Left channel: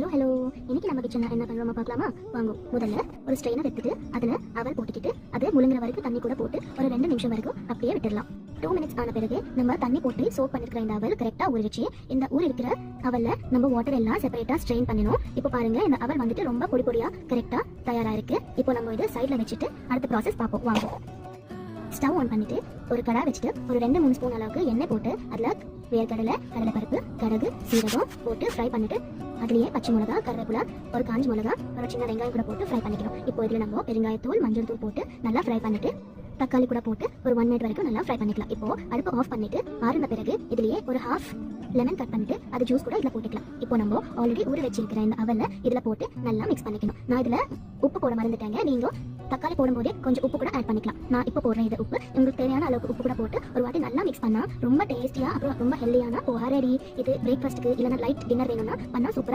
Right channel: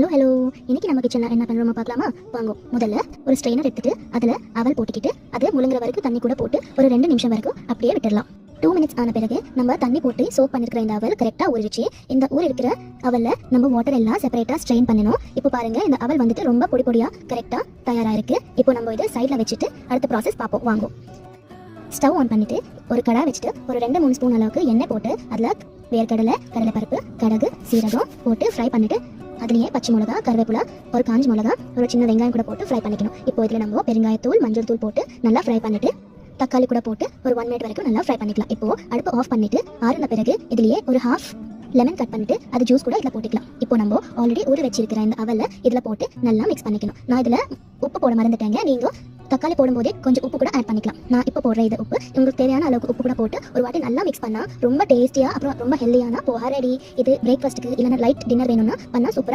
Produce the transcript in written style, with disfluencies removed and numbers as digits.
Hello. இன்னைக்கு நம்ம கிச்சனில் என்ன பண்ணுறோமா பார்க்கலாமா? வாங்க. முதல்ல ஒரு ஸ்ட்ரெயினர் எடுத்துட்டு அதில் அவல் போட்டுக்கிட்டு அது முழுங்குற வரைக்கும் தண்ணி கூட போட்டு ஒரு 2 நிமிஷம் வரைக்கும் அப்படியே விட்டுடலாம். 2 மினிட்ஸ் ஆன பிறகு நம்ம தண்ணி போட்டு சோப் பண்ணிருக்கிற இந்த அவல் கரெக்டாக ஊறிடுச்சு. இந்த ஊர் இருக்கிற அவலில் நம்ம வாட்டர் எல்லாம் செப்பரேட்டாக ஸ்ட்ரெயின் பண்ணணும். இப்போ பாருங்க, இந்த அவல் வந்துட்டு ரொம்ப பொடி பொடியாக கரெக்டாக தயாராக இருக்கு. இப்போ நம்ம இதை சைடில் வச்சுட்டு அடுத்த ப்ராசஸ் பார்ப்போம். வாங்க. ஸ்டவ் ஆன் பண்ணிட்டு ஒரு கடாய் வச்சுட்டு ஒரு 2-3 ஸ்பூன் அளவுக்கு எண்ணெய் போட்டு அதில் வேர்க்கடலை, கடலைப்பருப்பு, கடுகு, சீரகம் போட்டு ஃப்ரை பண்ணிட்டு அதுலேயே பச்சை மிளகா, கருவேப்பிலை, ஒரு காஞ்ச மிளகா, ஒரு சின்ன வெங்காயம் கூட போட்டு ஃப்ரை பண்ணிக்கணும். இப்போ இதில் நம்ம பெருங்காயத்தூள், மஞ்சள் தூள் போட்டு நல்லா ஃப்ரை பண்ணிட்டு தக்காளி கூட போட்டு ஒரு 1 மினிட் வரைக்கும் நல்லா ஃப்ரை பண்ணிக்கலாம். இப்போ அடுப்பு ஆஃப் பண்ணிட்டு ஆறுன பிறகு இதுலயே ஒரு ஹாஃப் லெமன் கட் பண்ணிட்டு அது ஜூஸ் கூட இதில் போட்டுக்கலாம். இப்போ நம்ம ஆல்ரெடி ஊற வச்சிருக்கிற இந்த அவலை இதில் போட்டு நல்லா மிக்ஸ் பண்ணிக்கணும். நான் இதில் உப்பு போட மறந்துட்டேங்க. நீங்கள் தக்காளி போடும்போதே கொஞ்சம் உப்பு கூட ஆட் பண்ணிக்கலாம். நான் இப்போ போடுற இது உப்பு உங்களுக்கு தேவையான அளவுக்கு உப்பு கூட போட்டு ஒரு வாட்டி நல்லா மிக்ஸ் பண்ணால் ரொம்ப டேஸ்டியாக, அப்புறம் ரொம்ப ஹெல்தியான போராடி இது பிரேக்ஃபாஸ்ட்டுக்கு இல்லைன்னா லைட் டின்னர் வேணும்னா பண்ணால் சூப்பராக